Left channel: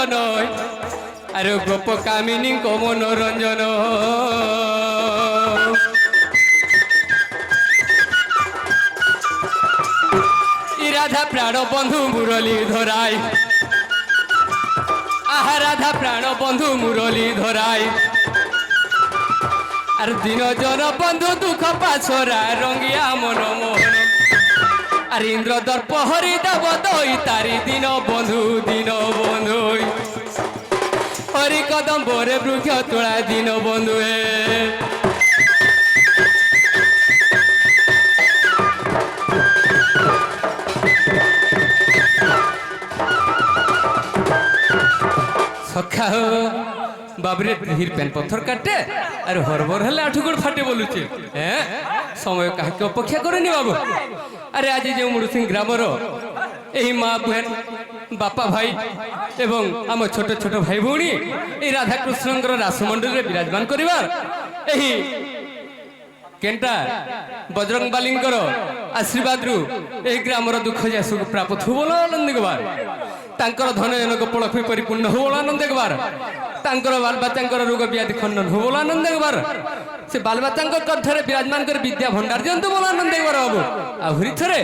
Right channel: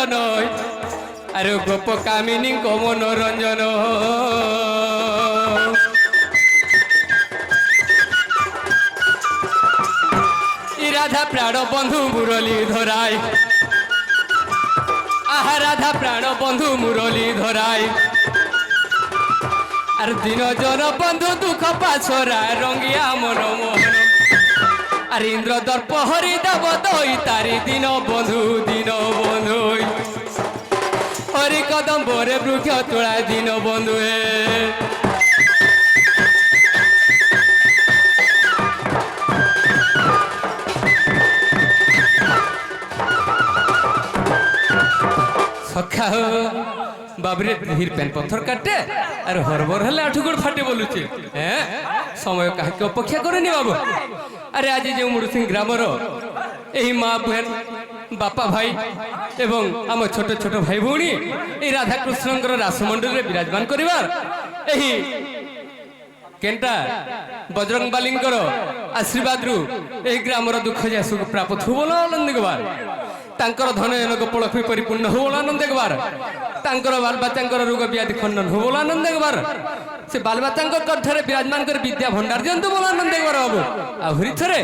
নন্দন আরে গোপ কামিনী মনোরঞ্জন রাধা প্রাণ বন্ধু মুরলী ধরাই আহা রাধা প্রাণ বন্ধু মুরলী ধরাই আর দিন জন বন্ধু দুঃখ পাছরা রঙ্গিয়া মন মোহন আর ইন্দ্র দর্প হরি দেব দই তারি দিন বন্ধু হরি কদম্বরে বৃক্ষ তোলা দিন বন্ধু সখা বাবরে ধীর পেন পথর কাটে আর হরবর হলে আঠু গোড় ফাটে বলুছে হ্যাঁ সময় কাহাকে অপেক্ষা করেনি বাবু আরে আজ যে মুড়ুসিং গ্রামর এই মা বেন বাপা ভাই এবং আমার ছোট ছোট ভাই ভৌণী এই রাধাকৃষ্ণঙ্কর রাসমণ্ডলে বিরাজমান করিবার এই কেনটা বজরং বালিঙ্কর আশীর্বাদরু এই গ্রামর দুঃখ যা সুখ প্রাপ্ত বল আনন্দ গবার তাঙ্কর ধন জনক পলক্ষী পরিপূর্ণ হবল আনন্দ গবার তাঙ্কর বালবাচাঙ্কর রোগ ব্যাধি খণ্ডন হবল আনন্দ গবার সে বালবাচাঙ্ক কণ্ঠরে বিরাজমান করে বিদ্যা ভণ্ডার দিয়ন্তু বল আনন্দ গবার বাবু আহুরি থরে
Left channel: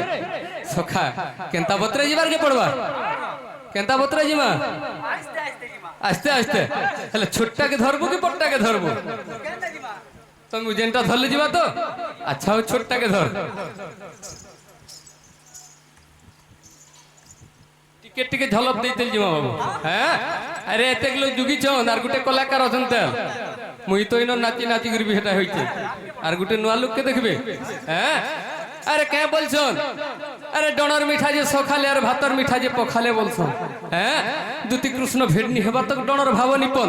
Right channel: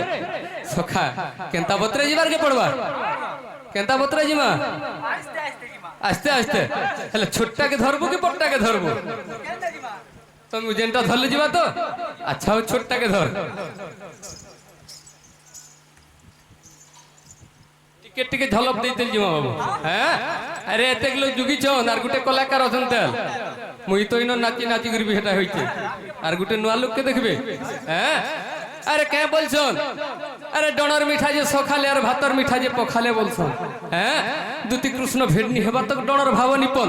সখা কেন্তা পত্রে যাবার কে পড়বার কেন্তা পত্রে জিমা আস্তে আস্তে হলে ছোটটাকে ধরবো কি বড়টাকে ধরবো তুমি যেটা ধরলে যাবা তো আচ্ছা ও ছোটটাকে ধর টিকে টিকে ঝলপ দিতে জিমা বাবু হ্যাঁ আরে এতে গুলো যুগিছন আর গোটে কলাকার অছন তেল মুই তো ইন নাচি নাচি করবি সেটা হইছে আর গোটে নয়া লোককে দেখবে হ্যাঁ আরে কে বলছন আরে ডণর মিঠা যে সখালে আর ভাতর মিঠা যে পখালে বলছন হ্যাঁ দুতি কৃষ্ণ ভেডনি হেবা তো ডণর ভাব নিপন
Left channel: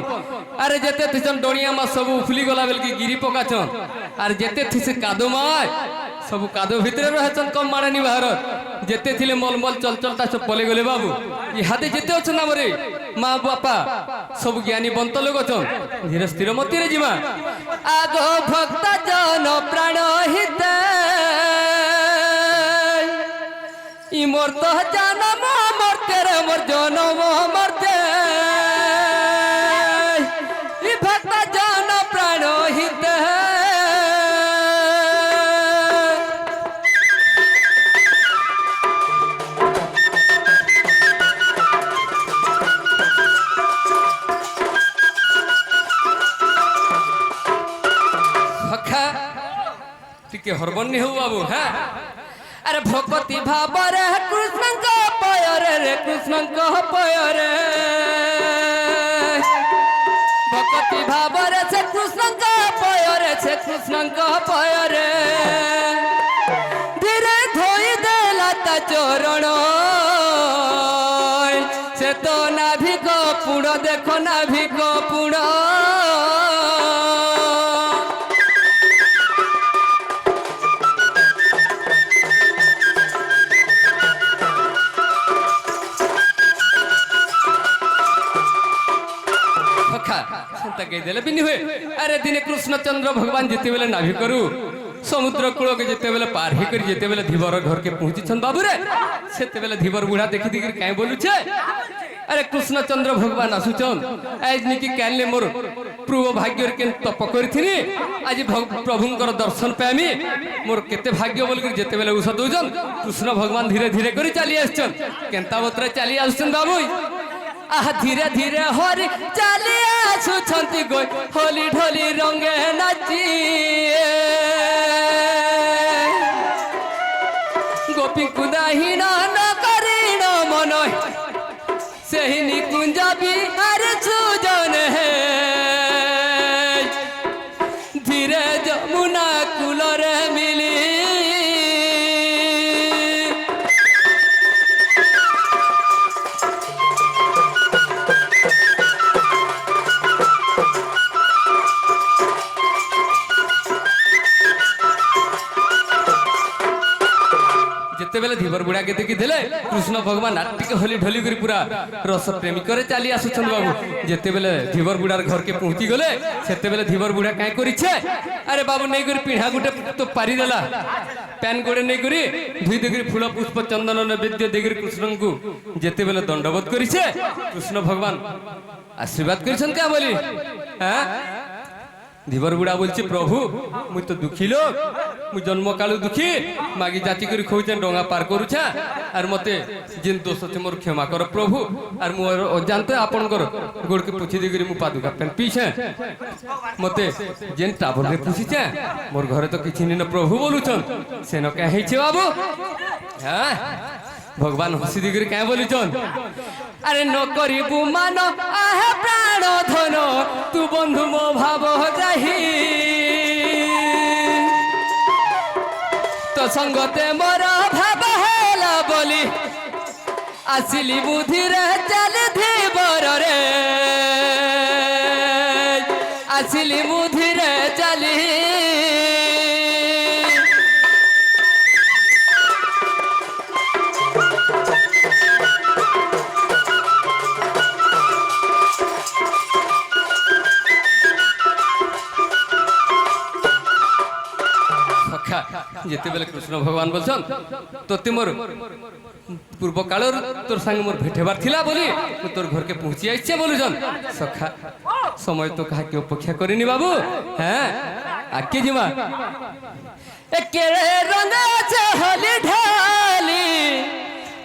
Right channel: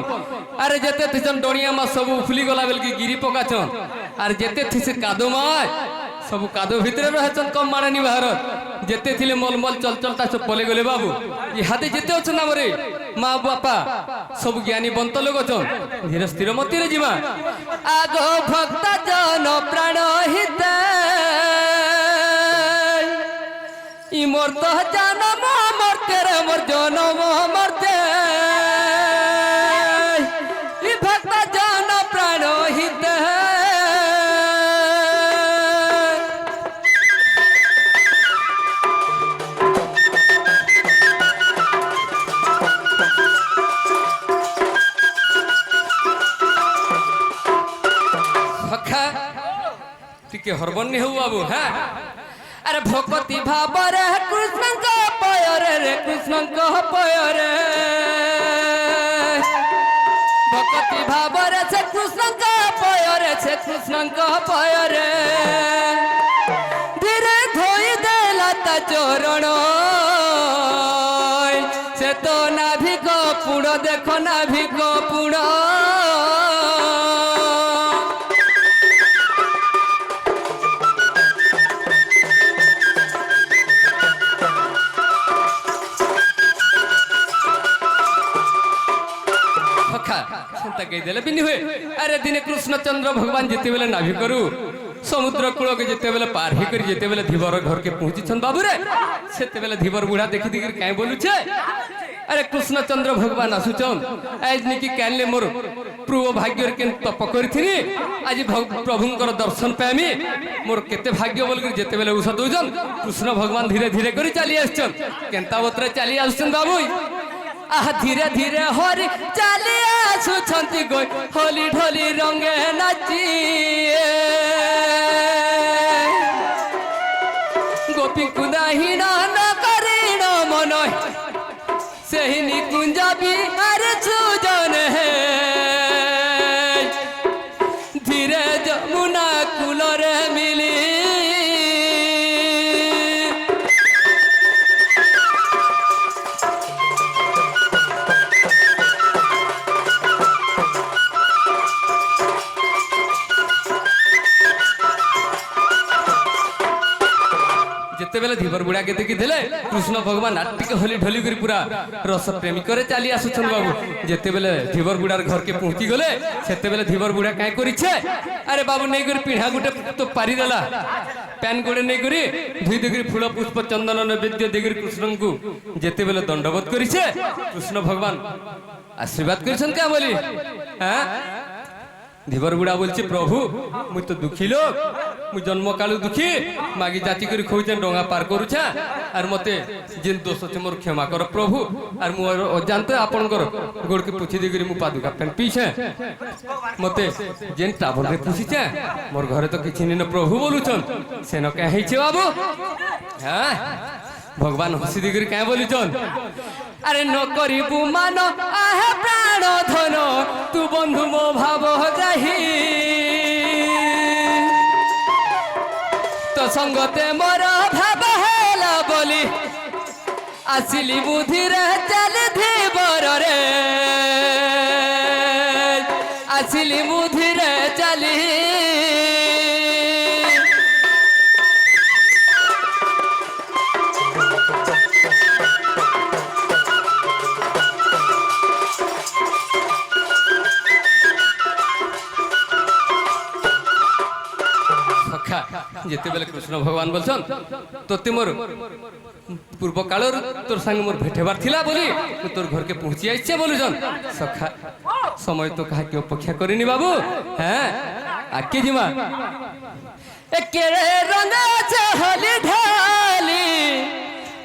আরে যেতে থিছন ডণিয়া মা সবু ফুলি গলা বেলকি গিরি পকাছন আর যেতে থিছে কাদো মায় সবু কাদো ভিতরে রহেছন কম মারানি ভারত যেতে থিলে মলমল চলচলতা সব পলে গলে বাবু ইহাতে যেতে অছন আমরে মা বাপা সবু জ্ঞানী বন্ত লোক অছন ধীর স্থির মতিরে জিমা আগো ভক্ত জন প্রাণ হিতে ইমর তো জনম মরতে রে মোর জনম মরতে ই ভক্ত জন প্রাণ হিতে সখা টিকে হরবন্নি হও বাবু হ্যাঁ আরে ভকতি ভাবরে কৃষ্ণঙ্ক পয়রে রে কৃষ্ণঙ্ক পয়রে ভকতি ভাবরে সে কৃষ্ণঙ্ক পয়রে সে কৃষ্ণঙ্ক পয়রে ধীরে ধোই দেলা তা চরণ সে তো নাভিক পুড় দেখো নাভিক পুড় আরে দিনে কৃষ্ণচন্দ্র ভগবান যেতে বেলে নাভি করু সমুদ্র কূলকে যেতে বেলে পার হি করে যেতে বেলে ধীবর ঘরকে পৌঁছিছন বাবুরে সেতে বেলে ধীবর বুড়া দেখি দেখি কাই বলুছে আরে কৃষ্ণচন্দ্র ভগবান আসুছন আজ নিকি কালে মোর পূর্ব ভাগ্যর কেন তপ করিথিনি আজ প্রভুঙ্কর দর্শন পাইমি মোর কেতে ভাগ্য বল করে যেতে বেলে উষা দউছন কৃষ্ণ ভগবান ধীরে ধীরে করে চালি আসছন কেনতা বত্রে চালি আসছন বাবু আহ ধীরে ধীরে হরি চালি আসুছন্তি গই হোলি ঢোলি রঙে নাচি গোপী কুদাহীন ন করিণ মন সেই নিকুঞ্জ বিহার সুজন হে ধীরে যমুনা কূলরে মিলি যেতবেলে ধীবর বুড়াকে দেখিলে কৃষ্ণ ভগবান আর টিকে হলি ঢলি করে পুরা রস প্রেমী করে চালি আসুছন বাবু। যেতবেলে ধীবর বুড়ার ঘরকে পৌঁছি গলে সেতবেলে ধীবর বুড়া কাই করিছে, আরে বাবু নেই করে পিঢ়া গুটে তো পারি দেলা, প্যান গোড়ে নেই করি ধুই দিগরি ফুল পুষ্প চন্দন নৈবেদ্য দিগরি কৃষ্ণଙ୍କୁ যেতবেলে দণ্ডবোধ করিছে কৃষ্ণ ভগবান আশীর্বাদ করেছেন কে বলি। হ্যাঁ ধীবর বুড়া বলছে প্রভু মুই তো দুঃখী লোক, মুই জন্মকালু দুঃখী, মাগি যাচি করে খুঁজছেন ডোঙা পার করুছা, আর মতে যেন দোষ আছে মোর ক্ষমা কর প্রভু। আর মু অজান্তে আপনার গোড়কে পুছি দিগরি মু পাদুকা প্যান পিছে মতে যেন টাবরে পুছিছে মোর ঘরে তো কিছু নিন প্রভু বলুছন, সেন কে হয়েছে বাবু। হ্যাঁ ভগবান হসি দিগরি কে বলুছন, আরে ন করিবু মান আহে প্রাণ ধন তু বন্ধু মো ভাব যাহি, তো সঙ্গতে মোর ভাব হেলা বলি আসিলি বুদ্ধিরে চাল ধীবর রে, আসিলি বুদ্ধিরে চালি। যেতবেলে কৃষ্ণ ভগবান বলছেন তোতে মোর পূর্ব কালর তোর সঙ্গে মোর ভেটেবার থিলা বলি তোর ঘরকে পৌঁছি আইছে বলুছন। সখা সময় তো কাহাকে অপেক্ষা করিনি বাবু। হ্যাঁ আকে জিমা একেরে রঙা চহলি ঢালি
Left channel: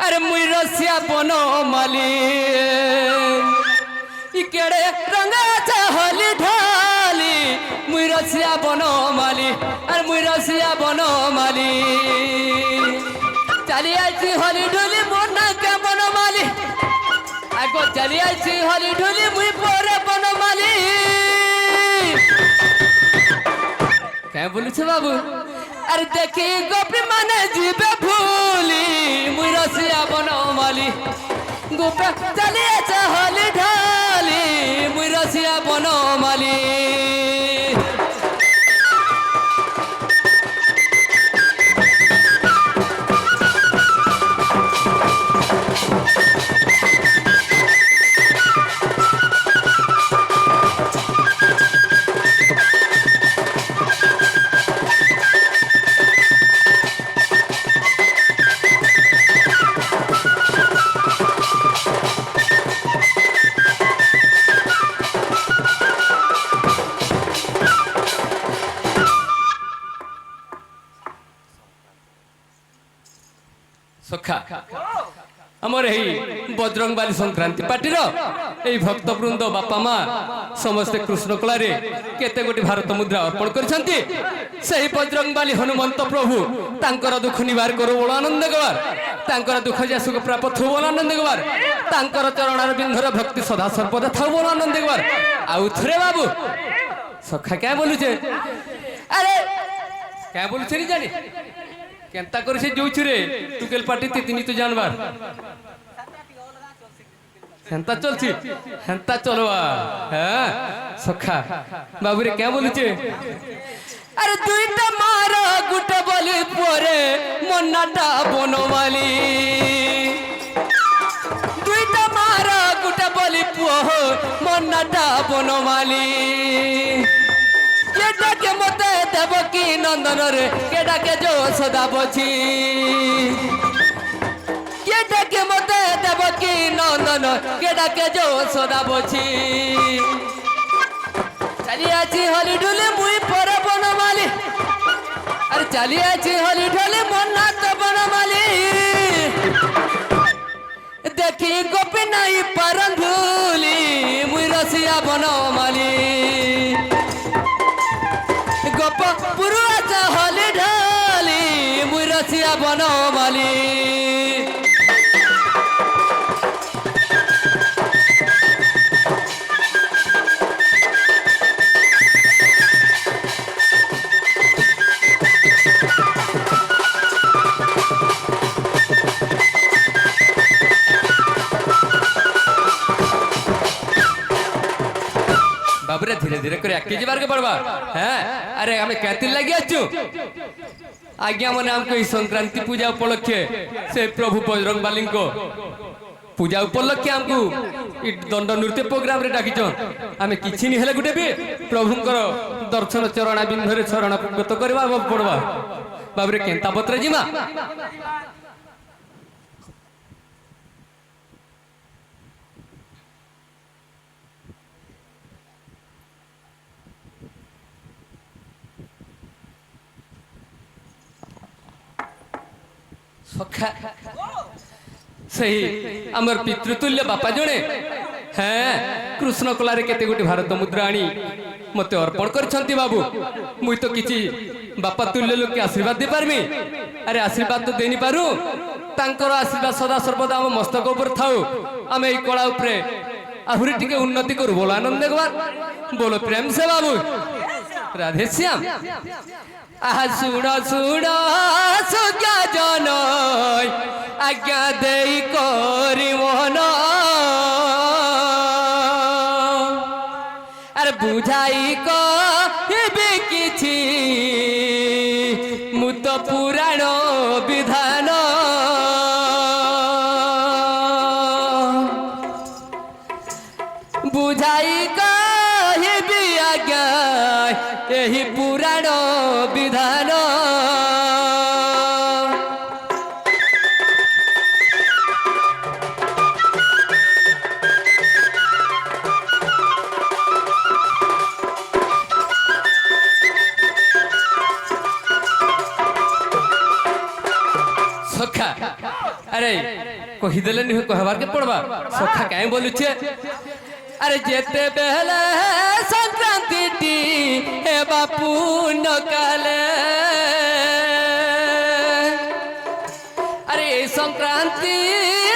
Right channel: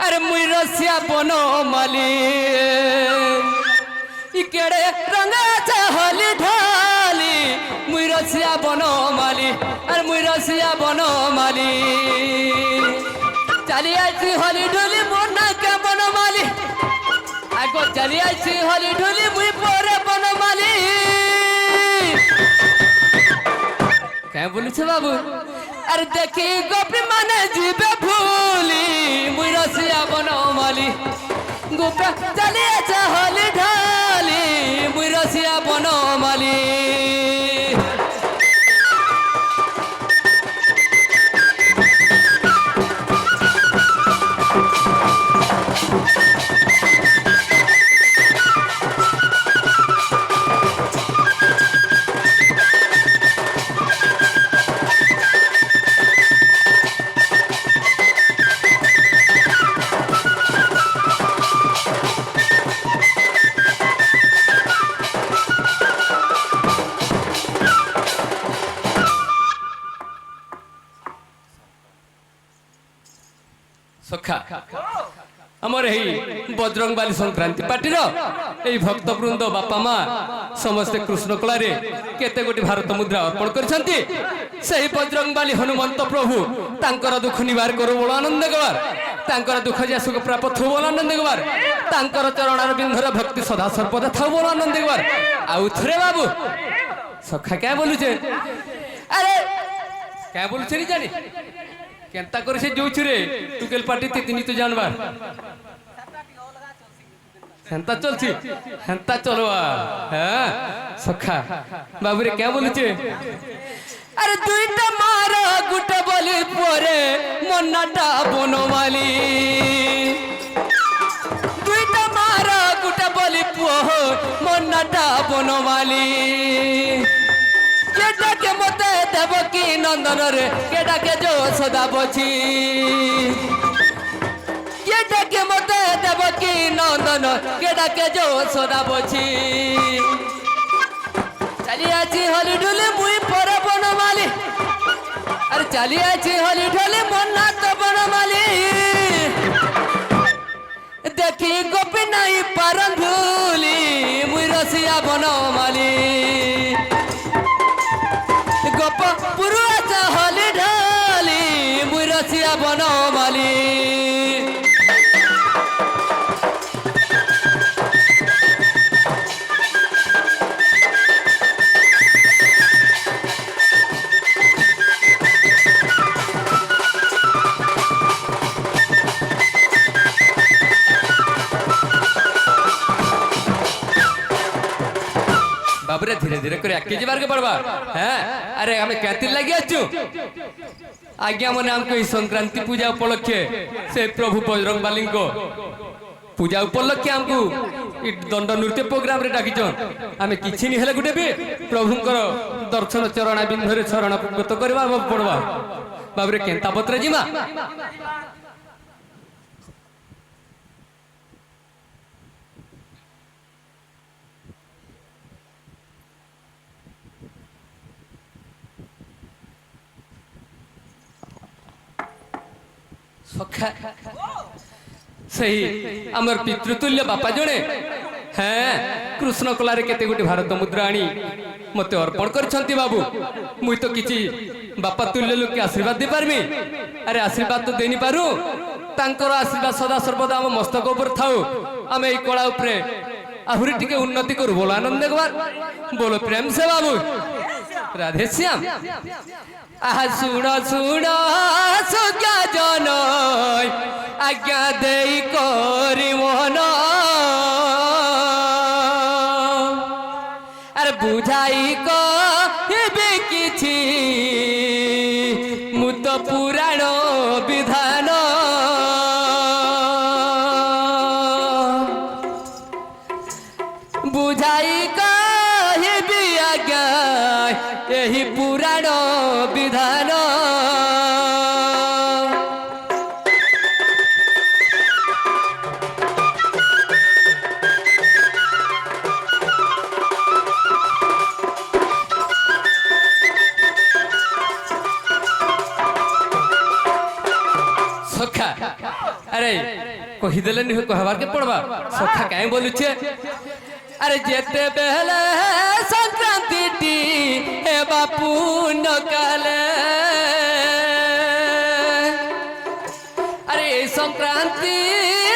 আরে মুই রসিয়া বনমালি, ইকেড়ে রঙা চহলি ঢালি মুই রসিয়া বনমালি, আর মুই রসিয়া বনমালি চালি আইছি হলি ঢুলি মোর নাকে বনমালি, আগো চালি আইছি হলি ঢুলি মুই পরে বনমালি। কে বলছে বাবু, আর দেখি গোপী মানে জিবে ভুলি মুই রসিয়া বনমালি, গোপে চালিয়েছে হলি ঢালি মুই রসিয়া বনমালি। সখা আমার এই বজরংবালী সংক্রান্তি পার্টির এই ভক্তবৃন্দ বাপা মা সমস্তে কৃষ্ণ কলারে কেতে গোটি ভারত মুদ্রা অর্পণ করেছেন। সেই বজরংবালী হনুমন্ত প্রভু তাঙ্কর দুঃখ নিবার করু বড় আনন্দ গবার, তাঙ্কর দুঃখ যা সুখ প্রাপ্ত থু বড় আনন্দ গবার, তাঙ্কর চরণার বিন্ধর ভক্তি সদা সর্বদা থাউ বড় আনন্দ গবার। আউ থরে বাবু সখা কে বলুছে, আরে কে বলছে নি জানি কেনতা করে সে যাউছু রে টুকেল পার্টিতে তিনি তো জানবার হেনতা চলছি হেনতা চলবা। হ্যাঁ সখা বাবুরে কে বলছে, আরে দুইটা মার গুটা বলি পরে মন্নাটা বনমালি, দুইটা মার গুটা বলি পুহ মন্নাটা বনমালি, কেটাকে মতে দেবকী নন্দন রে কেটাকে যশোদা বছি, কেটাকে মতে দেবকী নন্দন কেটাকে যশোদা বছি, চালি আছি হলি ঢুলি মুই পরে বনমালি, আর চালি আছি হলি ঢুলি মন্না তো বনমালি, দেখি গোপী নাই পারন ভুলি মুই রসিয়া বনমালি, গোপ পুরুষ হলি ঢালি মুই রসিয়া বনমালি। বাবুরে ধীরে ধীরে করে একে যাবার কে পড়বা। হ্যাঁ আরে আমি কেতির লাগি আছু आज्ञा मन आमको ई संक्रांति पूजा उपलक्षे से प्रभु बजरंग बाली को पूजा उपलक्षे आमको ई दंड नृत्य प्रोग्राम रे डाकिछन आमे किछि नि हेले गुटे भी प्रभुंकर दर्शन चरण बिंदरे शरण गत करबा पड़बा बाबरे केंता पत्र जिमा सखा सही आमर पितृतुल्य बापा जड़े हाँ कृष्ण कलारे केते गोटे भारत मुद्रा आनी मते अर्पण करछंती बाबू मुई तो किछि बापा तुल्य लोक के आशीर्वाद दे पारमी अरे आशीर्वाद तो देनी पारू तांकर आशीर्वाद सदा सर्वदा हम मस्तक ऊपर थाउ आमे ई कला ऊपर आहुरी टिके उन्नति करू बोलो आनंद देखबार बोलो प्रेम से बाबू राधे श्याम आहा सुण सुण सुज्ञा जन आज्ञा देई करी मोहन अरे बुझाई कहबे किछि मुत पुराण विधान बुझाई कहबे आज्ञा यही पुराण विधान सखा अरे कहीदेले नहीं कहबार के पड़बा सखा काहे बोलु छे अरे जेते बेले संक्रांति टी हे बापू न काले अरे संक्रांति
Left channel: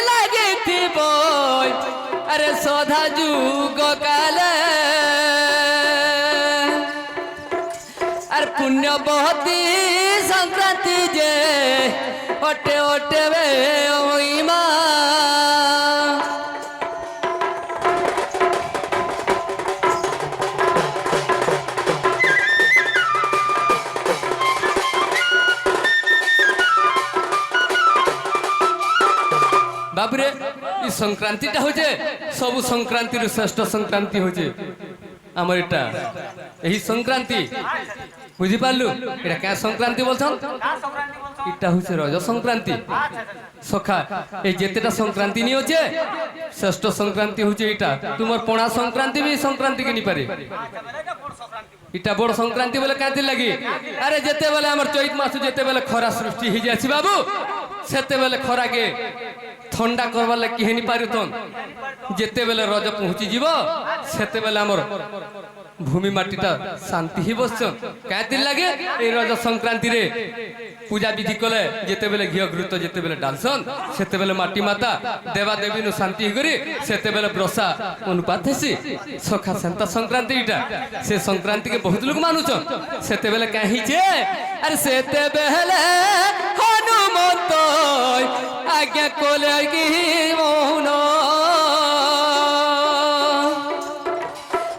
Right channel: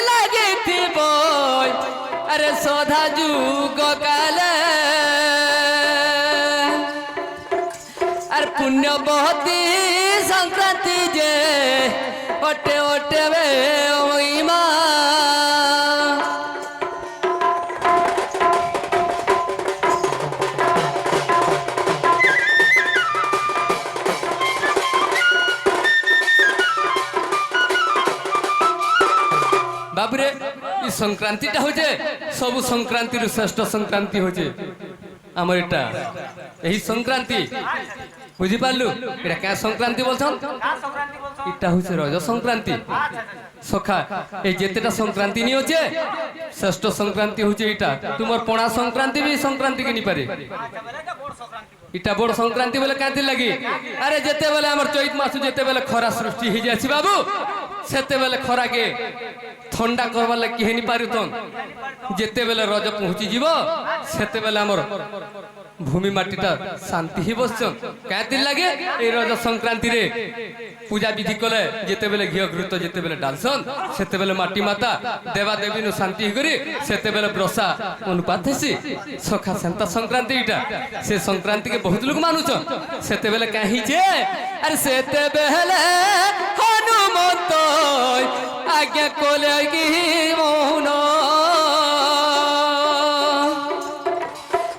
लगे थी बोय अरे सदा जुग काले अरे पुण्य बहुती संक्रांति जे ओटे ओटे वे ओई मां बाबरे ई संक्रांति टा होजे सब संक्रांति रो श्रेष्ठ संक्रांति होजे हमर एटा एही संक्रांति बुझी पारलु एटा का संक्रांति बोलछन इटा होছে रज संक्रांति सखा ए जेतेटा संक्रांति नि होचे श्रेष्ठ संक्रांति होचे इटा तुमर पणा संक्रांति भी संक्रांति के नि पारे इटा बड़ संक्रांति बोले कांति लगी अरे जेते बेले हमर चैत मास जेते बेले खरा सृष्टि हि जाछि बाबू सेते बेले खरा के ठंडा करवा लगे केहे नि पारुतन जेते बेले रज पहुंची जीव सेते बेले हमर भूमि माटीटा शांति ही बसन कांति लगे ए रज संक्रांति रे पूजा विधि कले जेते बेले घियो घृत जेते बेले डालसन सेते बेले माटी माता देवा देवी नु शांति करी सेते बेले ब्रसा अनुपात हेसी सखा संता संक्रांति इटा से संक्रांति के बहुत लोग मानुछन सेते बेले काहे जे अरे सेते बेले हनुमंत आज्ञा कोले की मोहन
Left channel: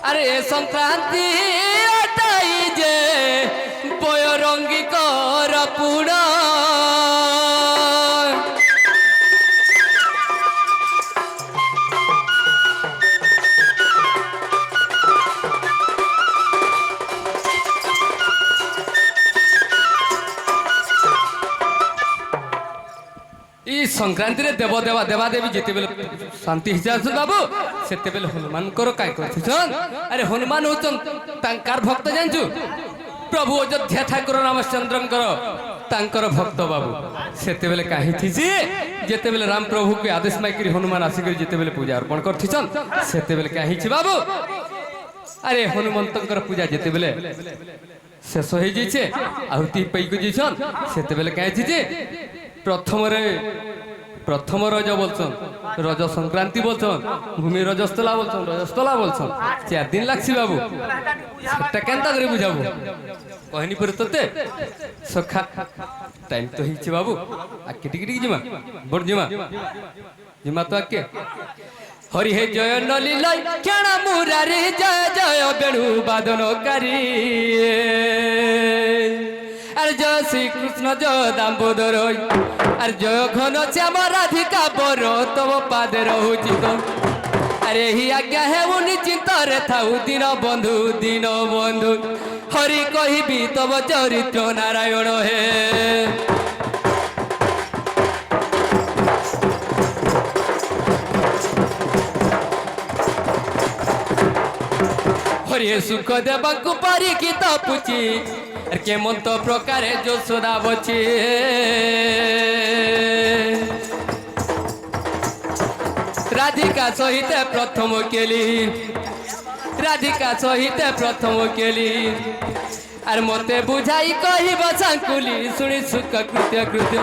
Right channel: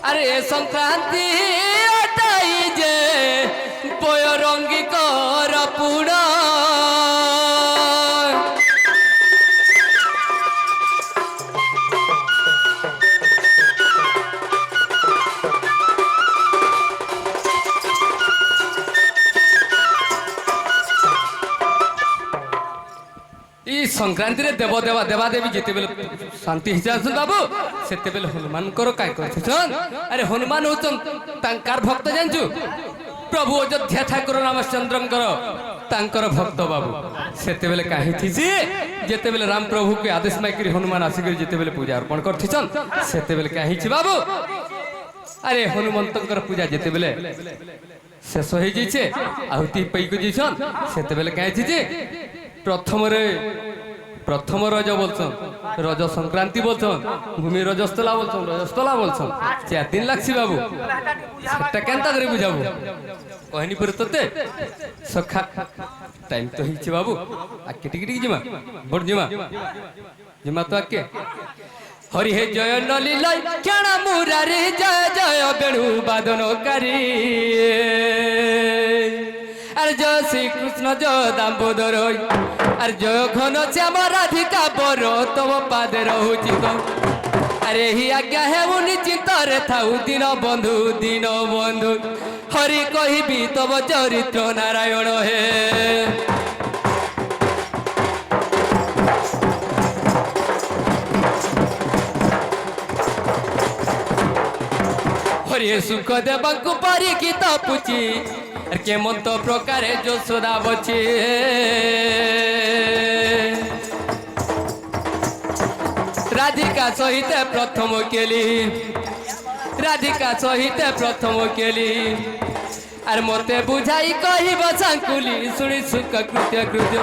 अरे संक्रांति अटाई जे बयरंगी कर पुणा संक्रांति रे देव देवा देवा देवी जेते बेले शांति हिसाब बाबू सेते बेले हनुमान करो काय करथिसन अरे हनुमान होचन तांकार भक्त जानचु प्रभु अयोध्या ठाकुर रामचंद्रंकर तांकर भक्त बाबू सेते बेले काहे थिसी जेते बेले राम प्रभु के आदेश माइकरी हनुमान आसी कर जेते बेले पूजा अर्पण करथिसन सेते बेले काहे छि बाबू अरे हनुमंतंकर पूजा जेते बेले शेष हो जाइछे आहुति पई को जिसन सेते बेले काहे थिसी प्रथम रज बोलछन रज संक्रांति बोलछन भूमि रजस्थला बोलछन रजस्थला बोलछन 4 दिन लागसी बाबू सेटा केनता करे बुझाबू कहनी पर तते सखा टाइम तो हिची बाबू आके टिक टिक जिमा बड़ जिमा जिमा तो आके हरि हे जय नलिलाई केणा मुरारी जय जय बेणु बादनकारी আর জয় শ্রীকৃষ্ণ জয় দাম্বোদর আর জয় ঘন শ্যাম রাধিকা বর তব পাদে রহুচি তো আরে হি আজ্ঞা হেউ নিশ্চিন্ତରେ থাউ দিন বন্ধু হরি কহিবি তব চরিত্র নারায়ণ হে হরি সুখ দেবাঙ্কু পারিকি তপুচি আর কেমন্ত প্রকারে যশোদা বচি রাধিকা সহিতে প্রথম কেলি আর মতে বুঝাই কহিব সাঙ্কুলি শুনি সুখ কৃত্য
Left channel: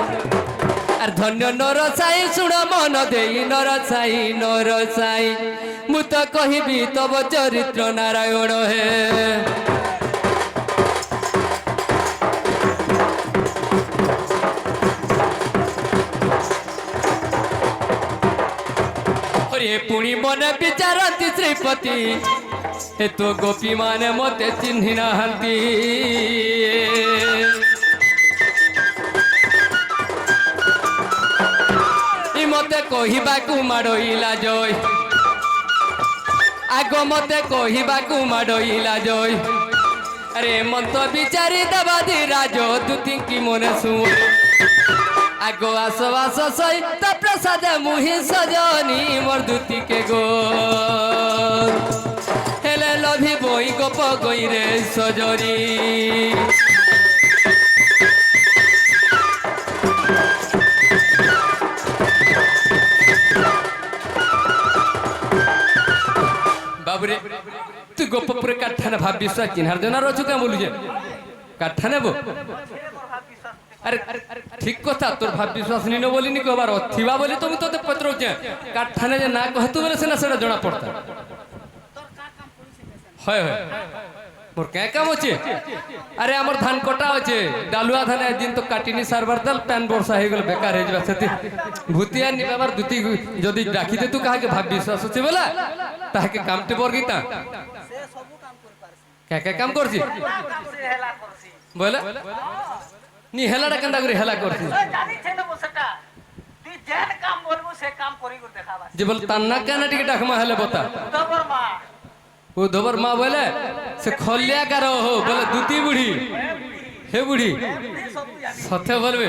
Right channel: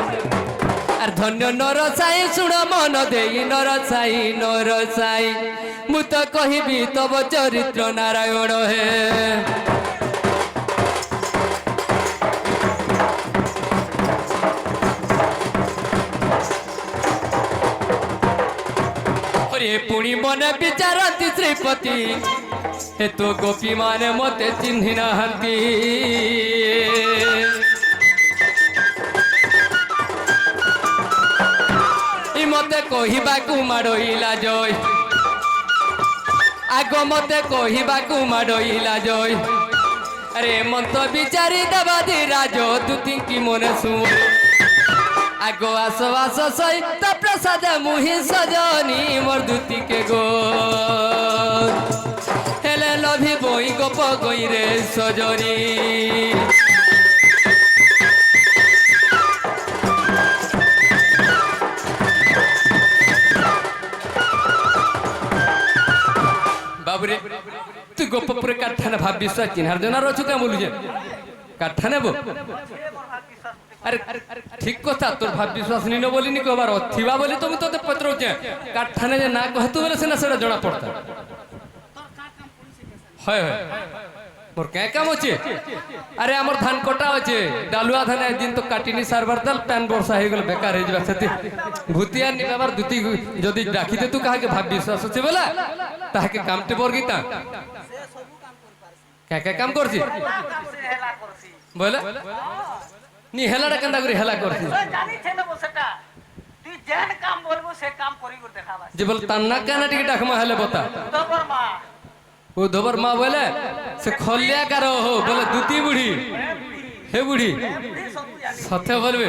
আর ধন্য নরসাই শুণ মন দেই নরসাই মু তো কহিবি তব চরিত্র নারায়ণ হে হরে পুଣି মনে বিচারନ୍ତି শ্রীপতি হে তো গোপী মানে মতে চিহ্নি নাহান্তি মতে কহিବାକୁ মাড়ইলা জয় আগ মতে কহিବାକୁ মাড়ইলা জয় আরে মন্ত বিচারি দেবাদি রাজ দুতিঙ্কি মনে শুন আগ আস সই তা প্রসাদ মুহি সজনি মোর দুতিকে গো হেলে লভি বই গোপ গই রে সজরি বাবুরে তুই গোপপুরে কাঠানে ভাব বিশ্বাস চিনহার জন্য রচু কেমন বলুছে কাঠানে বো আরে ঠিক কথা তোর ভাব বিশ্বাস নিন বলিনি কবার থিবা বলি তুমি তোতে পত্রউছে কাঠানে যে না কহতু বলে সেনা সেটা জনা পড়তা হয় মোর কে কাম আছে আরে আমার ধান কটা আছে ডালুয়া ধান একদিন তো কাটিনি সারবার দাল প্যান বর্ষা হয়ে গেল বেকার হয়ে যাবে সেটি ভূতিয়া নিবার দুটি যদি রাখিতে তু কাহাকে ভাব বিশ্বাস আছে বলে তাহাকে কামতে বর্গিতা কে কাম করছি বলে নি হেলাটা কেনটা করে হেলা করছি যে বল তান্না কেন টিকে ডাকমা হেলে বতা ও ধোবর মা বলে সে খলিয়া কার হো বলে দুতি বুড়ি হে বুড়ি সথে বলবে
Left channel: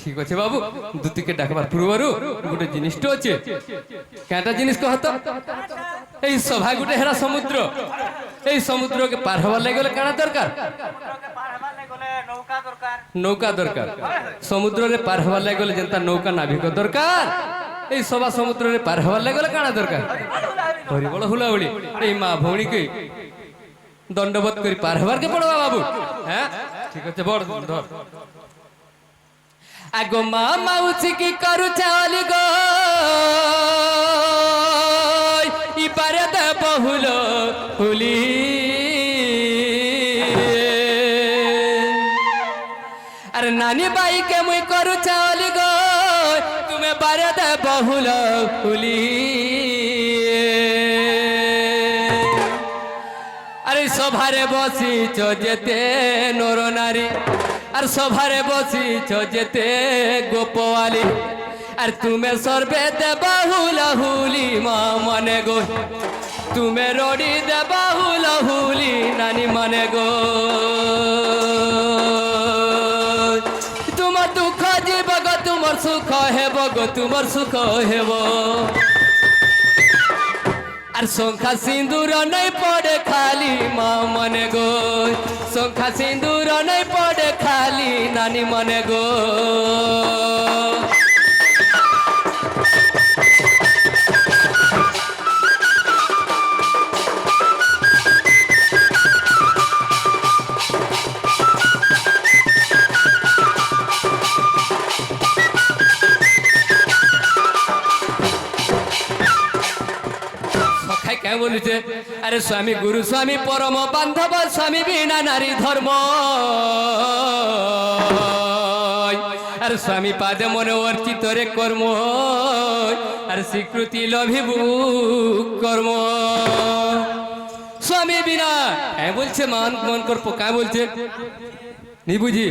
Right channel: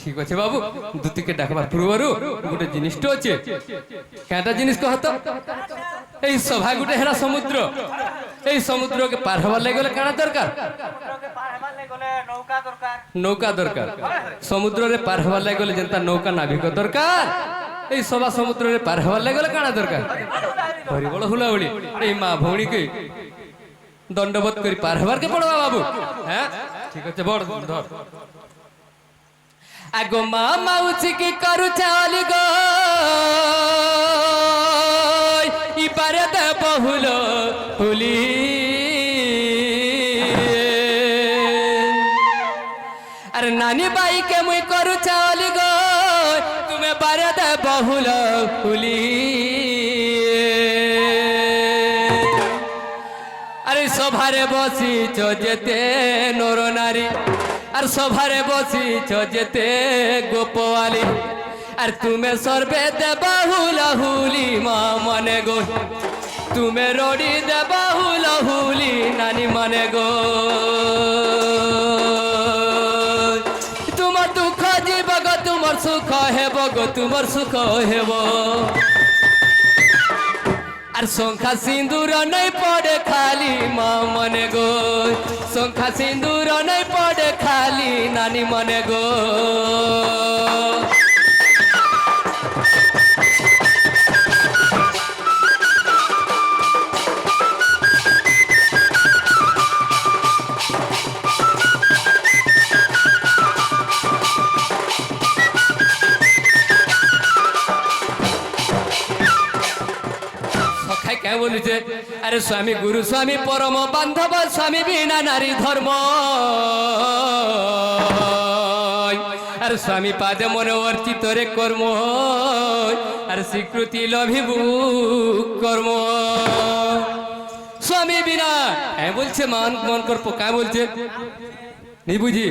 ঠিক আছে বাবু দুতিকে ডাকবার পূর্বরু গোটে জিনিসটা আছে কেটা জিনিস কহত এই সভা গোটে হেরা সমুদ্র এই সমুদ্রকে পার হবার লাগি গেলে কানা দরকার নৌকা দরকার সমুদ্রে পার হবার লাগি গেলে যেটা নৌকা নাবিক দরকার এই সভা সমুদ্রে পার হবার লাগি গেলে কানা দরকার হরিবল হুলাহুলি এই মা ভৌণীকে দণ্ডবোধ করে পার হবার কে পড়বা বাবু হ্যাঁ ঠিক আছে বড় ধর আগো মা মাউসি কি করু চালি গো ইপারে দে বহুল হুলি আরে নানি বাই কে মুই করু চালি গো তুমি পারে দে বহুল হুলি আরে সভারে বসিছ যেতে নর নারী আর সভারে বসিছ যেতে গোপওয়ালি আর তুমি সর্বে দে বাহুলা হুলি মা মানে গো তুমি রড়ি দে বাহুলা হুলি নানি মানে গো তোমার দুঃখ জীব গো তোমার সুখ হেব গো তোমার সুখ হেব আর শঙ্খা সিন্দুর নাই পড়ে খালি মা মনে গো শঙ্খা সিন্দুর নাই পড়ে খালি নানি মনে গো বলিছে আরে স্বামী গুরু স্বামী পরম বান্ধব স্বামী বিনা নারী ধর্ম আর স্বামী পাদে মনে অর্চিত রে কর্ম আর স্বীকৃতি লভিবু কর্ম স্বামী বিনা বলছে মান মন করবো কা বলছে नहीं बुझी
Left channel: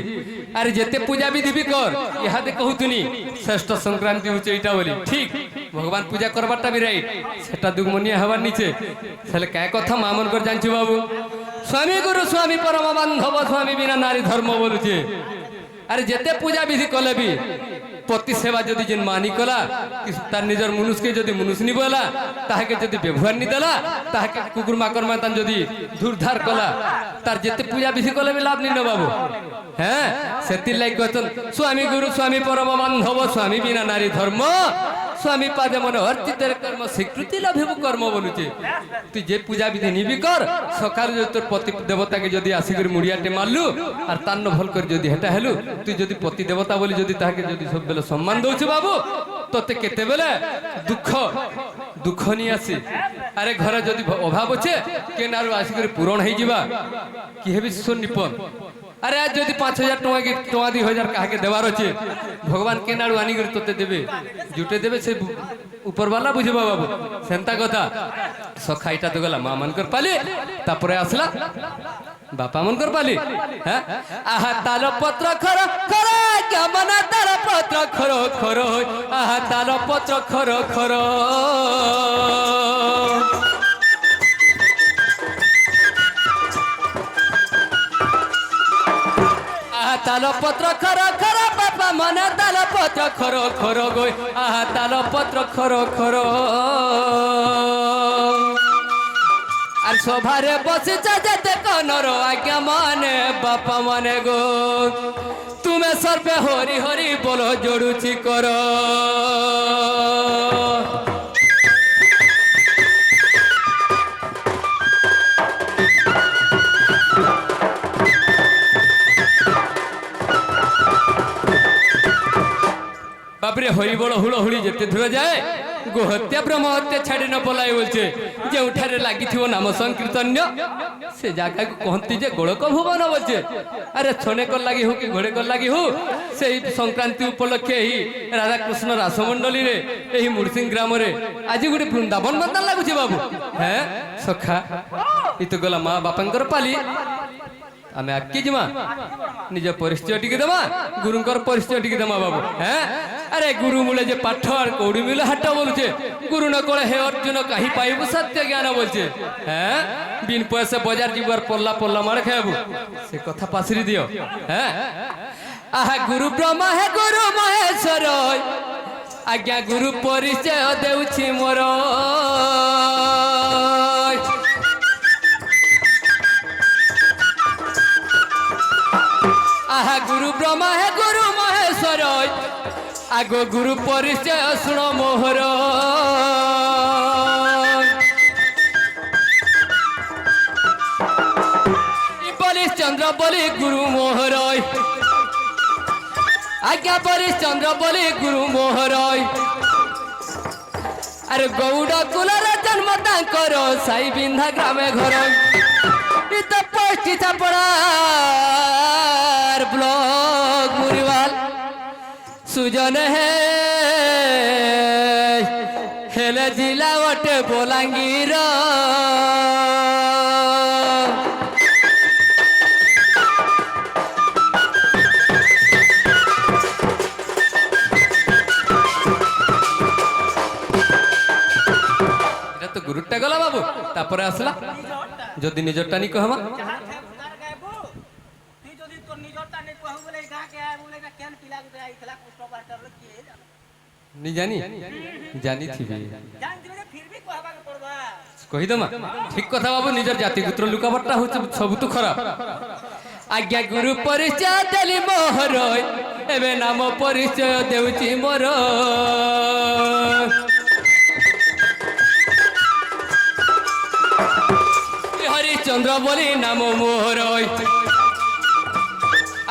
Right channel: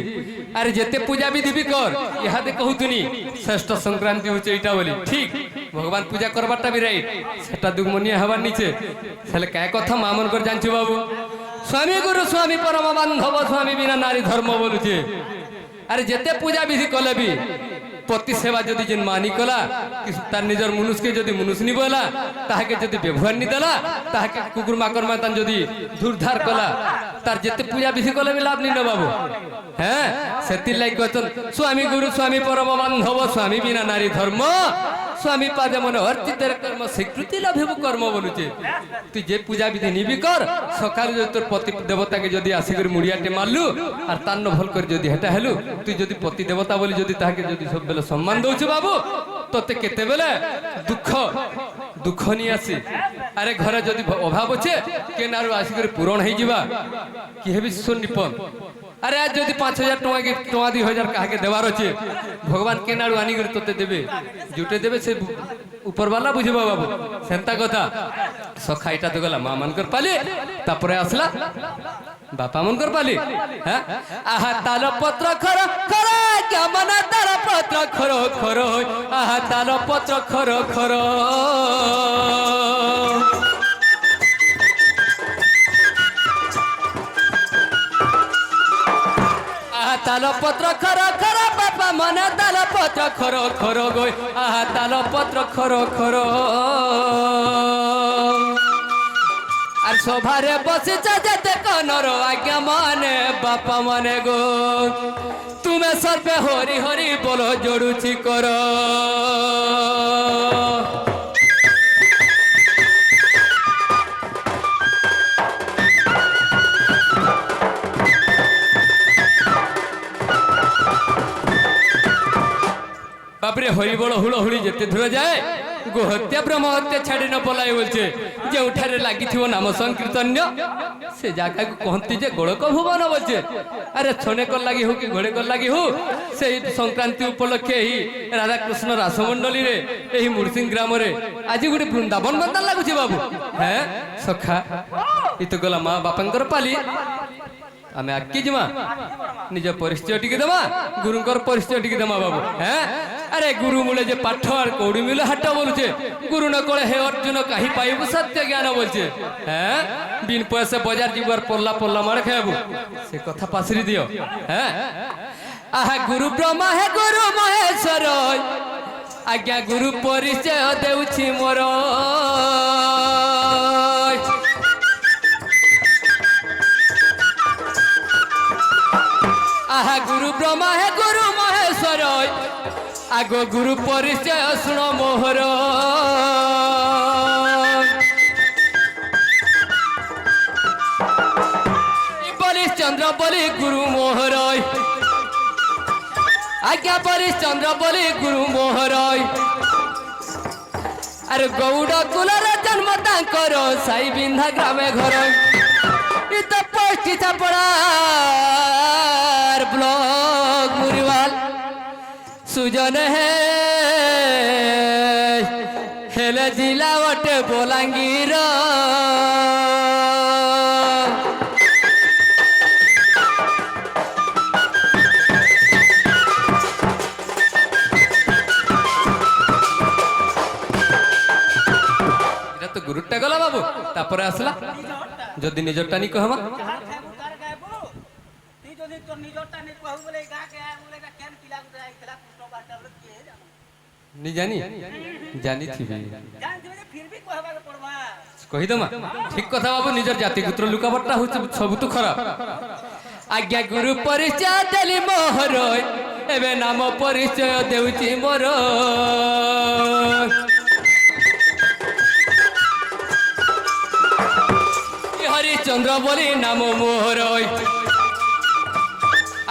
अरे जेते पूजा विधि भी कर इहादे कहूतुनी श्रेष्ठ संक्रांति होचे एटा बोली ठीक भगवान पूजा करबाटा भी राइट सेटा दुगमनिया हवार नीचे सेले काय कथा मामन कर जानछु बाबू स्वामी गुरु स्वामी परम बांधव स्वामी बिना नारी धर्म बोलुचे अरे जेते पूजा विधि कले भी पति सेवा जदि जेन मानी कला तार निजर मनुष्य के जदि मनुष्य नी बोला ताहाके जदि व्यवहार नी देला ताहाके कुकुर माकर मातान जदि धुरधार कला तार जेते पूजा विधि कले भी लाभ नी न बाबू हैं सेति लाइक कहतन स्वामी गुरु स्वामी परम बांधव स्वामी बिना नारी धर्म स्वामी पादे मन अर्चितेर कर्म स्वीकृति लभिबु कर्म बोलुचे तू जे पूजा विधि नी भी कर सकाल जो तोर पति देवता के जदि आसिकर मुड़ियाटे मारलु और तान्न भल कर जदि हेटा हेलु तू जदि पति देवता बोली जदि ताहाके जदि सब बेले सम्मान दउछु बाबू तोते केते बेले दुख नी आसी अरे घरे जदि अभाव छे के नारु आसिकर पूरण हे जिबा कि हेबि सुनिपन अरे आज जदि 5000 टका के टका 2000 काहे देवार अछि भगवान के नाडू आनी कर तोते देबे जुटे देबे से ऊपर वाला बुझबा बाबू सेंता कथा सखाइटा तो गला मां मन कर पाली तापरे आसला बापा मन कर पाली हैं आहा ताल पत्र खर खर क्या मना ताल पत्र खरो खरो आहा ताल पत्र खरो खरो ताल पत्र खर खर बापा मना ताल पत्र खरो खरो गोय आहा ताल पत्र खरो खरो আর সভারে বসিছে যেতে কনর আজ্ঞা মানে বাপা মানে গো তুমি সর্বে হরি হরি বলো জড়ুছি কর बापरे हरि बड़ हुड़हुड़ी जेते दूर जाए गोहत्या ब्रह्म हत्या छाड़ी न पलाय बोलছে যে উঠারে লাগিथिवो नाम संकीर्तन्य से जागा को कहती जे गोड़क भुवन बोलছে अरे छोने कर लागी हो कि घोड़े कर लागी हो से संक्रांति उपलक्षे ही राधा कृष्ण रासमंडली रे एही मुरसिंह ग्राम रे आज गुटे वृंदावन बंदा लागुଛି बाबू हैं सखा इ तो गला मां बापंकर पाली आमे आकी जिमा निज परिचय टिके दमा गुरुंकर परिचय टिके दमा बाबू हैं अरे गुरु मूले जे पाठ और कौड़ी मिले हाट बोलुचे गुरु न कोले हे अर्जुन कहीं पाइबु सत्य ज्ञान बोलचे हैं बिन पैसे बाजार जीवर पल्ला पल्ला मार खाबू से कथा पासरी दियो हैं आहा गुरु ब्रह्मा है गुरु महेश्वर आज्ञा गुरु परिचय देउछि मोर आहा गुरु ब्रह्मा है गुरु महेश्वर आगो गुरु परिचय सुनो मोहर बलिश चंद्र बलि गुरु मोहर आज्ञा बलिश चंद्र बलि गुरु मोहर अरे गौड़ कुलर जन्म तांकर साई बिंधा ग्रामे घर इत पष्टी चापड़ार ब्लॉक मुरीवाल सुजन है हेले जिला वटे बोलांगीर तो गुरुटा गला बाबू तापर आसला जदि निजरटा नी कहमा नी जानी जानी थी कही दमा ठीक कथा बाबू निजर जाति पुत्र लुकावटा हो सब तो खराब आज्ञा गुरु परिचय देली मोहर एबे नाम परिचय देउची मोर हरिश्चंद्र बोली नाम मोहर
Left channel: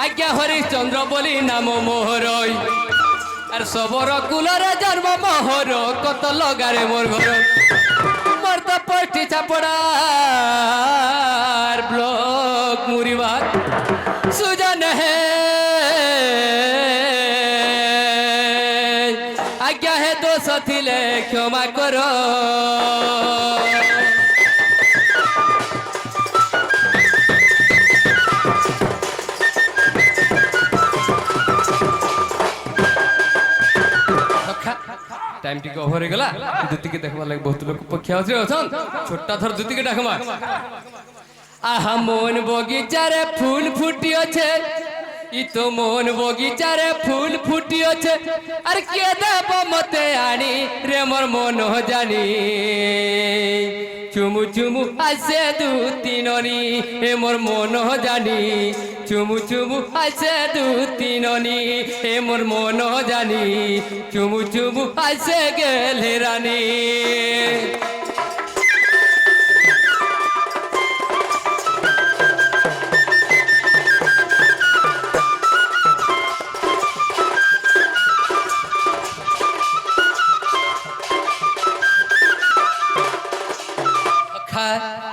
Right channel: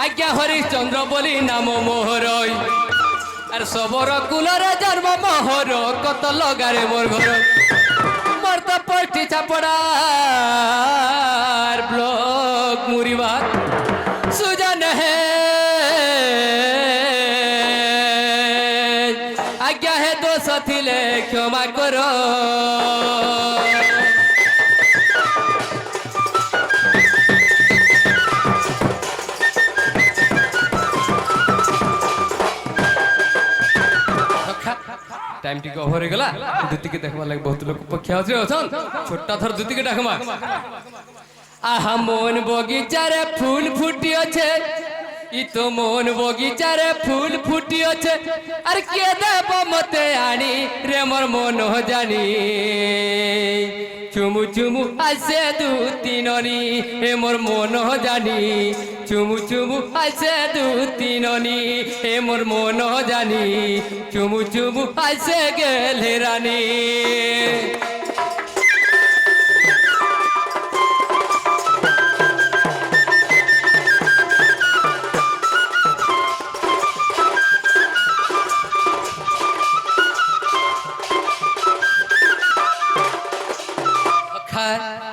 आज्ञा हरिश्चंद्र बोली नाम मोहर और सबर कुलर जन्म मोहर कत लगारे मोर घर मोर तो पष्टी चापड़ार ब्लॉक मुरीबार सुजन है आज्ञा है दोष थिले क्षमा करो টাইম টিকে ওভার হয়ে গলা দুতিকে দেখবার লাগে বহুত লোক পক্ষে আছে অছন ছোটটা থর দুতিকে ডাকমা আহা মন বগিচারে ফুল ফুটি আছে ই তো মন বগিচারে ফুল ফুটি আছে আর কে দেব মতে আনি রে মোর মন জানি চুমু চুমু আসে দু তিননি হে মোর মন জানি চুমু চুমু আসে দু তিননি হে মোর মন জানি চুমু চুমু আসে গেলে রানী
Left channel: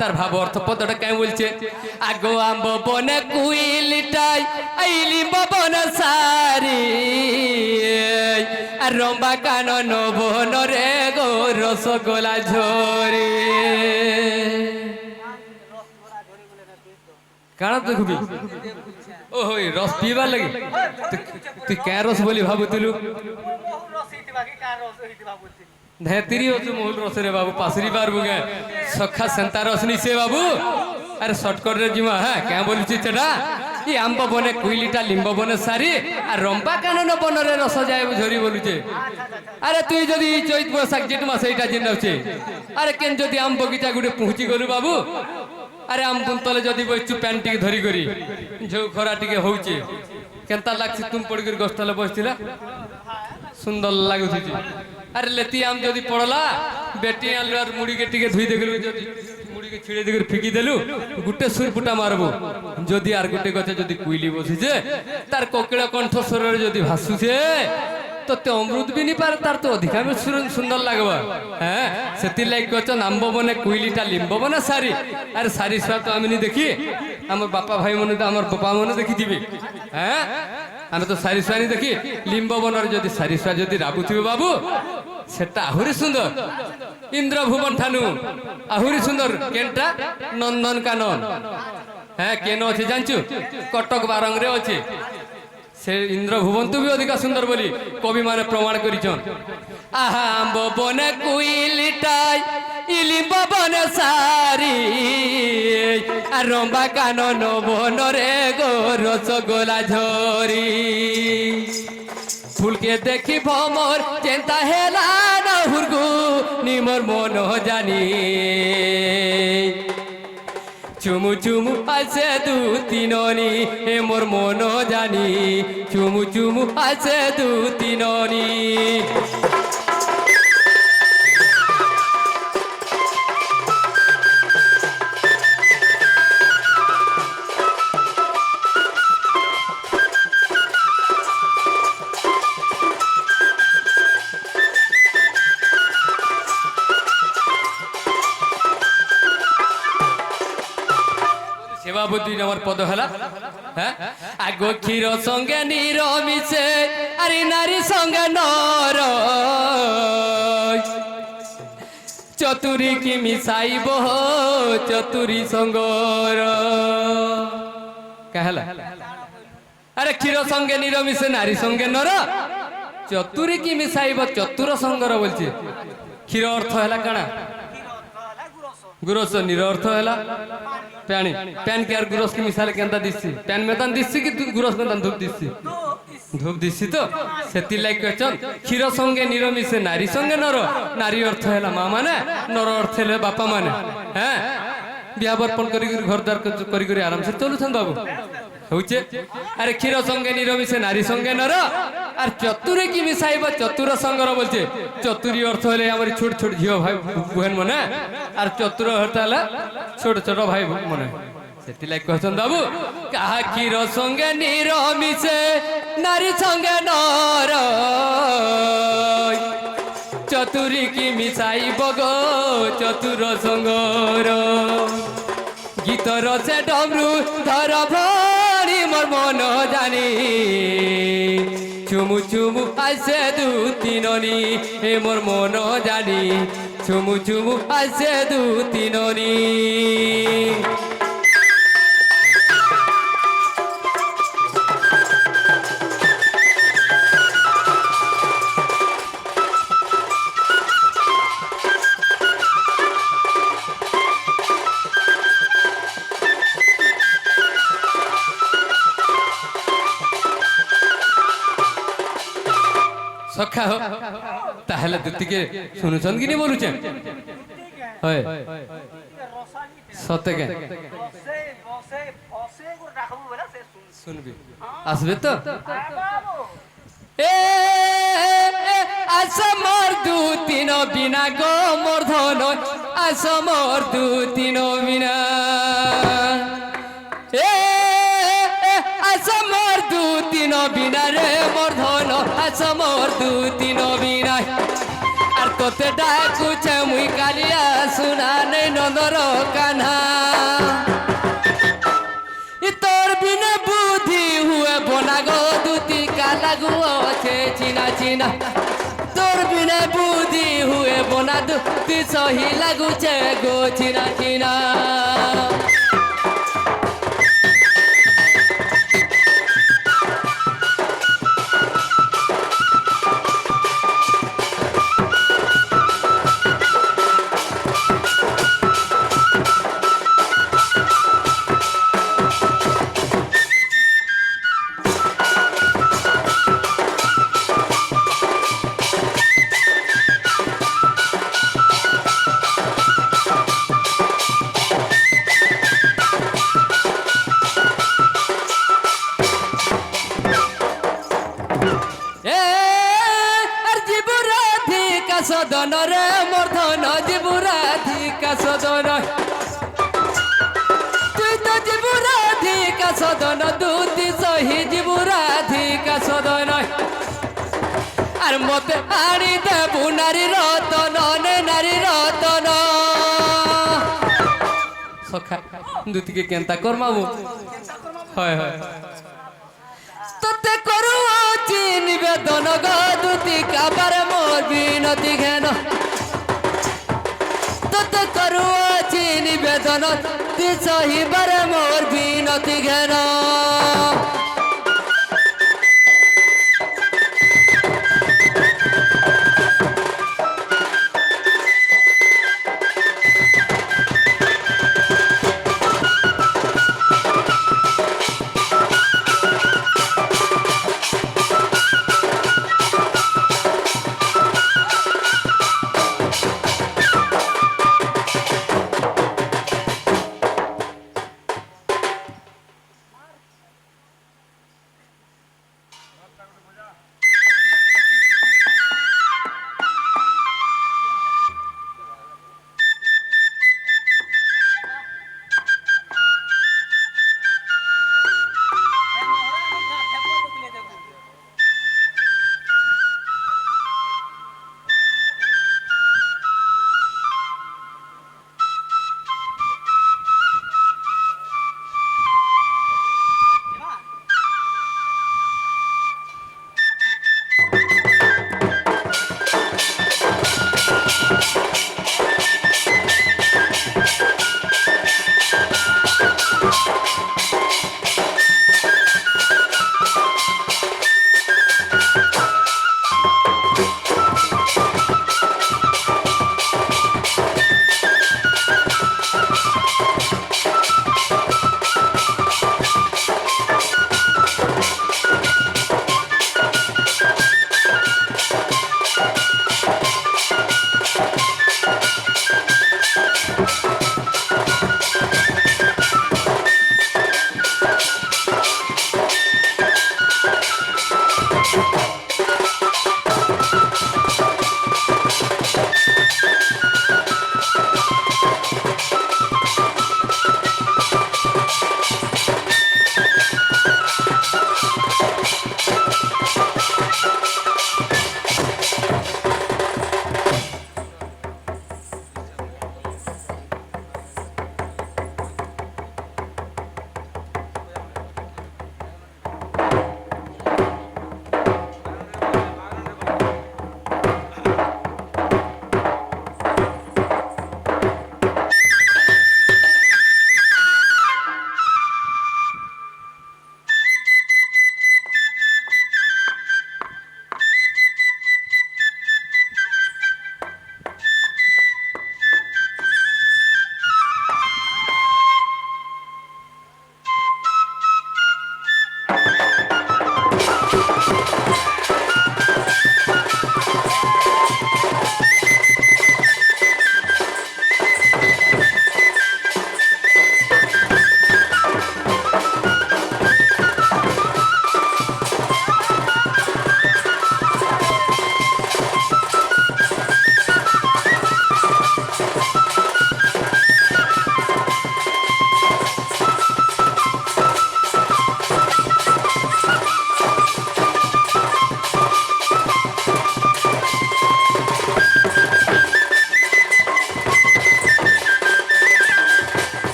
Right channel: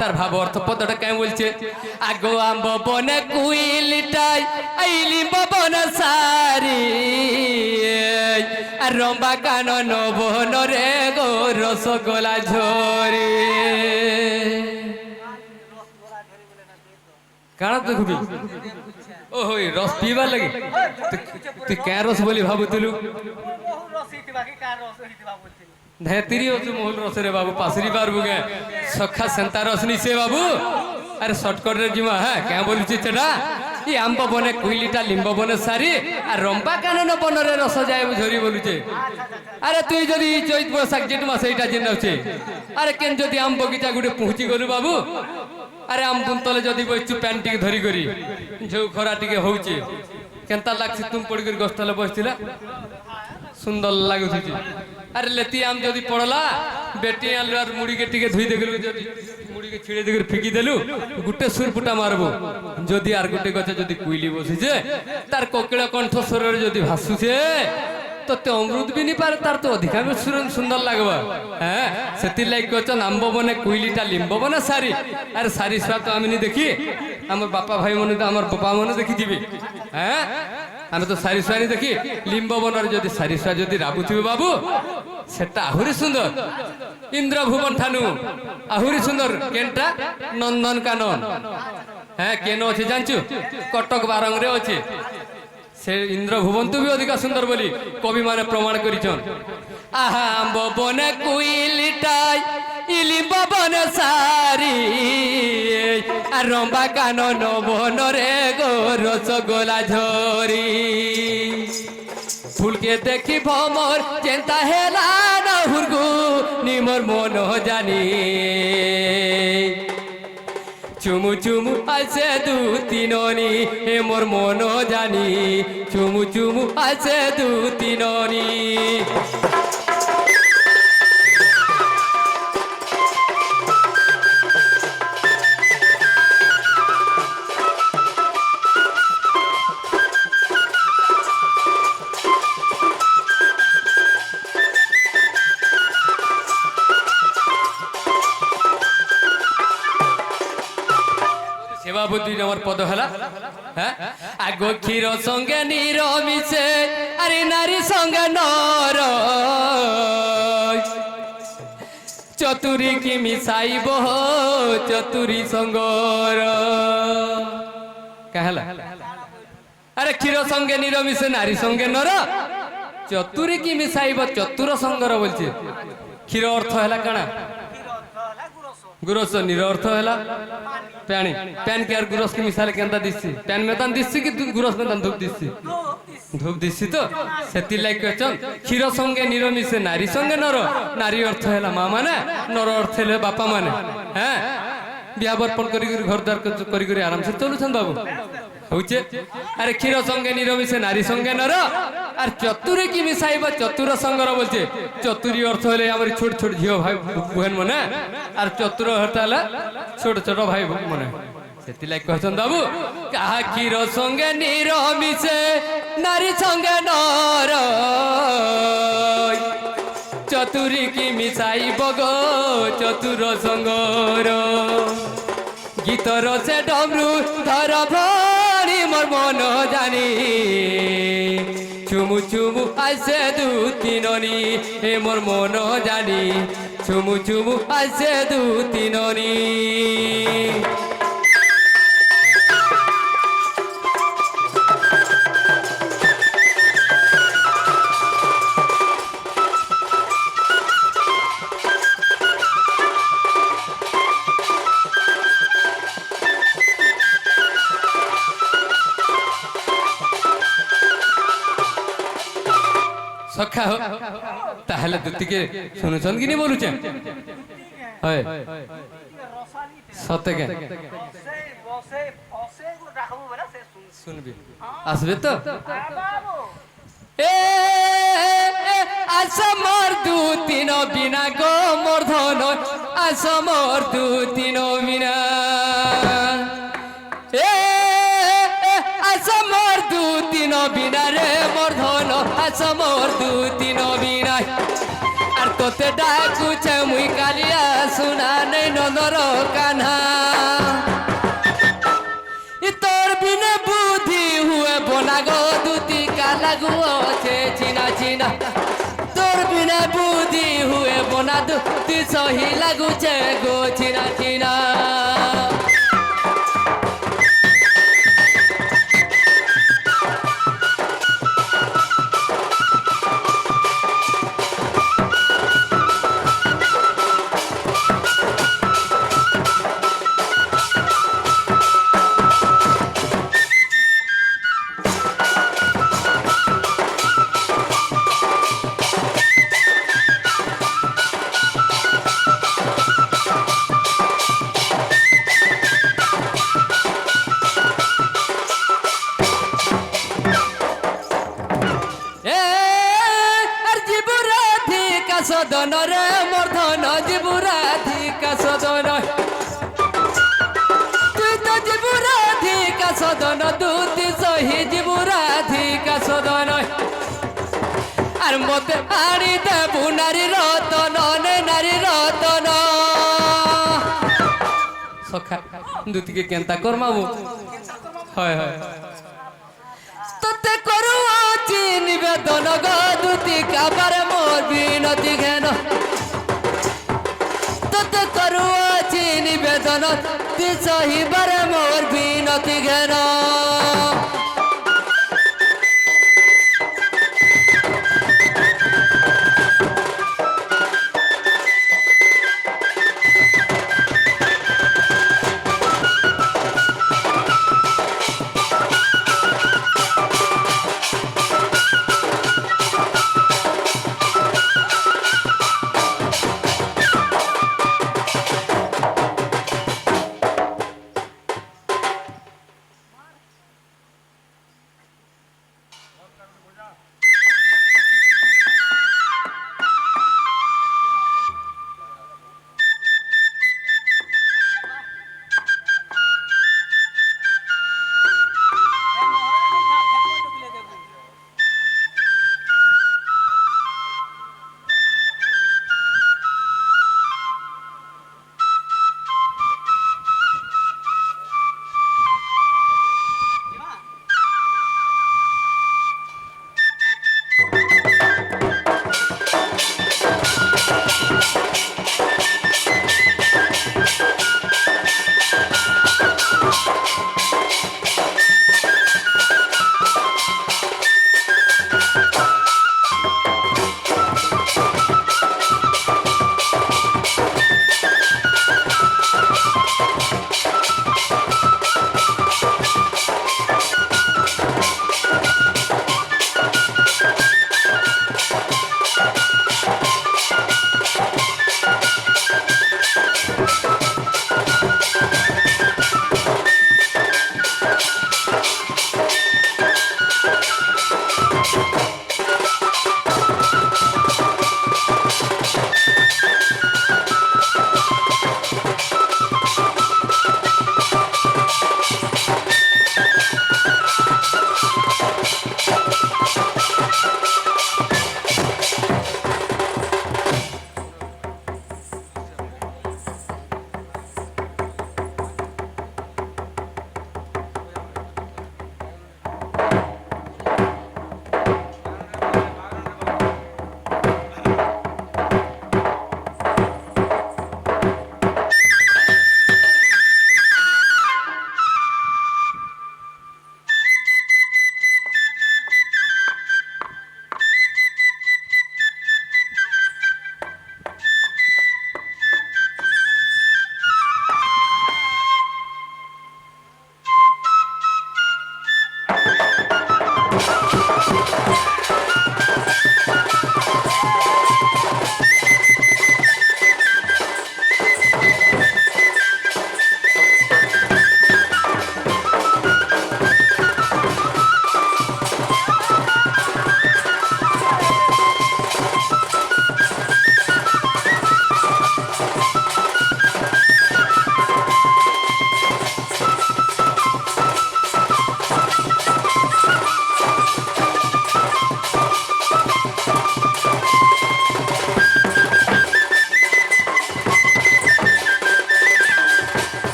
তার ভাব অর্থ পদটা কেমন বলছে আগো আম্ব বনে কুইলিটাই আইলি বন সারি আর রম্বা কানন বন রে গো রসগোলা ঝরি কাଣା দেখবি ও হই রস পিবার লাগি তুই কে রস বলি ভাবুতিলু ধেতিরি হচ্ছে মহুল রসরে বাবু পাশরি পারবু গে সখা সেন্তা রস নিছে বাবু আরে শর্টকট রে জিমা হ্যাঁ কে বলছি সেটা ই আম্ব বনে কুইলিটা লিম্ব বনে সারি আর রম্পা কানন বনরে রস যায় ঝরি বলুছে আরে তুই যদি চৈত বৈশাখ জেঠ মাস এইটা জিনাউছে আরে কেন যদি আম বগিচা গুটে পৌঁছি গলু বাবু আরে আম তলে যদি বসছু প্যান্ট টিকে ধরি করি ঝৌ খরা টিকে হচ্ছে কেনতা লাগছে তুমি পড়ি করে গছতলে বসছিলা সুন্দর লাগুছি আরে লেতি আম যদি পড়লা বেটি আনলু আর মুড়িকে টিকে ধুই দেখলু যদি মুড়িকে ছিড়ে দেখে ফিকি দেলু গুটে সুরপুটা মারবো যদি আর গুটে গছে যদি কুইলি বসিছে তার কোকিলা কণ্ঠস্বরে যদি ভাসুছে তোতে অমৃত বি নি পারে তার তো অধিকার সুন্দর লাগবে হ্যাঁ সেতির লাগি গছন আম্ব বনে কুইলিটা লিম্ব বনে সারি আরে সারি ছুয়া তো আমি নি দেখি আমার বাপা ভাই মনে আমার বাপা মনে দেখি দিবি হ্যাঁ আমি তো সারি ছুয়া নি দেখি লিম্ব বনের যদি সারি ছুয়া যদি রাবুথিবে বাবু সেটা আহুরি সুন্দর ইন্দ্রভুবন ঠানু আহুরি সুন্দর কেনটা নন্দন কানন হ্যাঁ কেন আছে জানছু কটক বারংরে আছে সে ইন্দ্রভুবন তু বি অধিকা সুন্দর বলি কবি মানে প্রমাণ করিছন আহা আম্ব বনে কুইলিটাই ইলিম্ব বনে সারি আর রম্বা কানন বনরে গো রসগোলা ঝরি ফুলকে দেখি ভমর চিন্তা হেলা না হুরগু নিমর মন জানি চুমু চুমু আছে দু তিননি হে মোর মন জানি চুমু চুমু আছে দু তিননি বাবু দুই নম্বর পদ হলা হ্যাঁ আগ ক্ষীর সঙ্গে নীর মিশে আরে নারী সঙ্গে নর চতুরী কি মিশাইব চতুরী সঙ্গর কাহলা আরে ক্ষীর সঙ্গে নীর মিশে নারী সঙ্গে নর চতুরী কি মিশাইব চতুর সঙ্গর বলছে ক্ষীর অর্থ হলা কাଣା গুরস নীর অর্থ হলা প্যানি প্যান কে আর গুরস কি মিশালে কেনতা দিছি প্যান মেতান দিছি কি গুরস মেতান ধূপ দিছি ধূপ দিছি তো সেতি লাইক কচন ক্ষীর সঙ্গে নীর মিশে নারী সঙ্গে নর নারী অর্থ হলা মা মানে নর অর্থ হলে বাপা মানে হ্যাঁ বিয়া বর্পণ করি ঘরদার করি আরামসে চলুছেন বাবু হচ্ছে আরে ক্ষীর সঙ্গে নীর মিশে নারী সঙ্গে নর আর চতুরে কি মিশাইব চতুর সঙ্গর বলছে চতুরী অর্থ হলে আমার ছোট ছোট ঝিও ভাই বুহেন মনে আর চতুর অর্থ হলে ছোট ছোট ভাই মনে সেতিলাই কহছন বাবু কাহা ক্ষীর সঙ্গে নীর মিশে নারী সঙ্গে নর চতুরী কি মিশাইব গো চতুর সঙ্গর গীতর সে ডমরু ধর ভরি মোর মন জানি চুমু চুমু আসে দু তিননি হে মোর মন জানি চুমু চুমু আসে দু তিননি দেখা হোক তাহলে দুটিকে শুনুছন কি নি বলুছেন হয় সত্যি কেন শুনবি আসবে তো এ আস মোর দু তিন বিনা গো মোর ধন আস মোর দু তিন বিনা এ আস মোর দু তিন বিনা রে মোর ধন আস মোর দু তিন বিনা আর তোতে ডাকুছে মুই কালিয়া শুনা নেই নন্দর কান্হা তোর বিনা বুদ্ধি হুয়ে বনা গো দুতি কালাগু আছে চিনা চিনা তোর বিনা বুদ্ধি হুয়ে বনা দুতি সহি লাগুছে গো চিনা চিনা সদন রে মর্ধন জীবুরাধিকা সদন তুই তো জীবুরাধিকা সদন দুতি সহি জীবুরাধিকা সদন আর মতে আনি দেবু নারী রতন নে নারী রতন সখা দুতিকে কেনতা করমাবু হয় হয় তোতে করুছি নিবেদন গো দুতি কাবার মোর বিনতি ঘেন তোতে করুছি নিবেদন তুই সহিবার মোর বিনতি ঘেন